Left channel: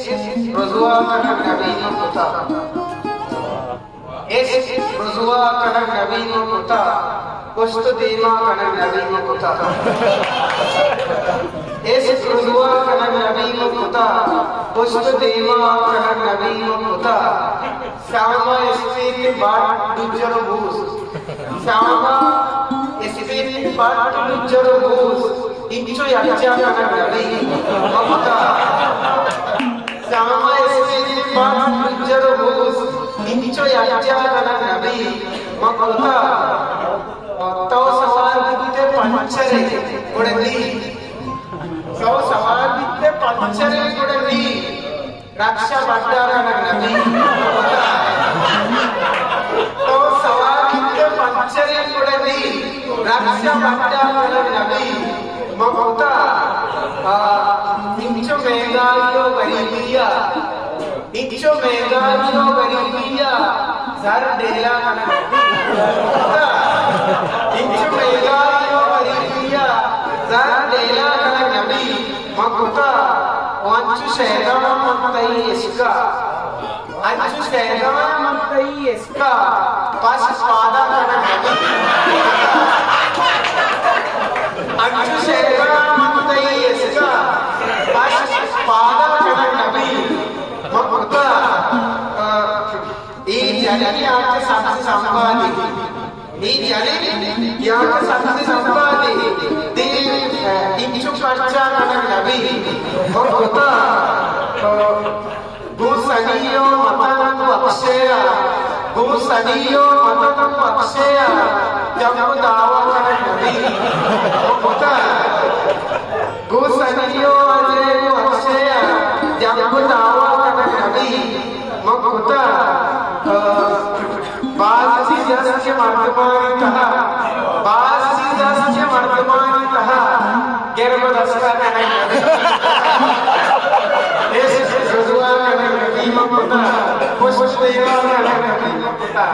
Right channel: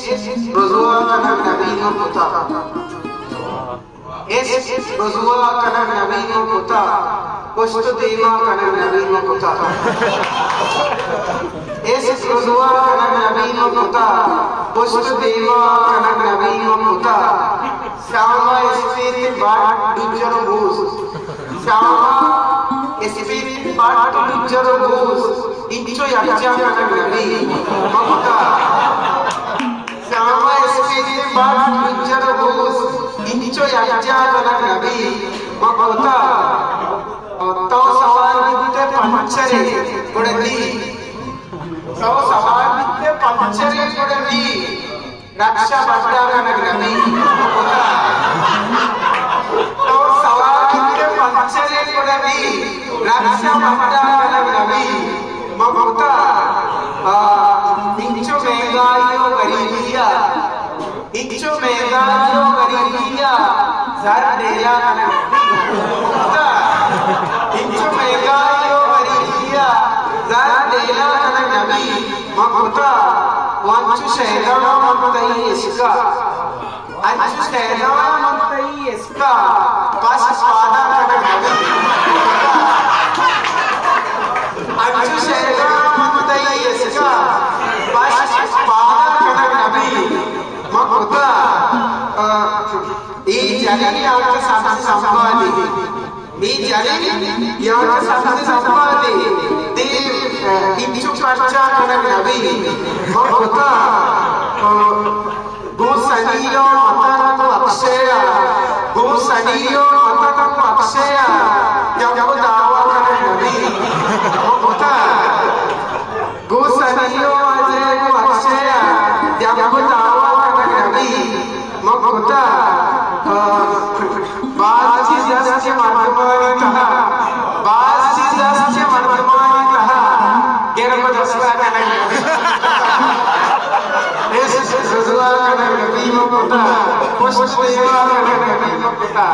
رزوا كان النبي مقتا رزوا كان النبي مقتا كشت ديما كان النبي مقتا رزوا كان النبي مقتا كشت ديما كان النبي مقتا ساما اسپیت بات دجر بوس ساما اسپیت بات دجر بوس इंचो याचा kana nabi mamata sama espiri bab jaro bus इंचो याचा kana nabi mamata to sawar bitte panchare kodandi to sawar bitte panchare kodandi raksha badda kana nabi mamata to sawar bitte panchare kodandi raksha badda kana nabi mamata इंचो महंगाइयों गरीबिया इंचो महंगाइयों गरीबिया सर डेला kana mamata इंचो महंगाइयों गरीबिया सर डेला kana nabi mamata wanchu shehda mamtai iska anchu shehda mamtai iska pas pada kana nabi अंचु शहरा ममताई इसका बस पादा kana nabi mamata ई जड़ी यार सबसे संवादी ई जड़ी यार सबसे संवादी दिल इंचु पर्चा kana nabi mamata गुसनियो मतन अक्षय गुसनियो मतन अक्षय जब दावा kana nabi mamata गुसनियो Ajay Akshay जब दावा kana nabi mamata बासी जस्य वर्तमानतः बासी जस्य वर्तमानतः गर्भ दशरा kana nabi ऐसे रजुआ kana nabi mamata खुश होया kana nabi mamata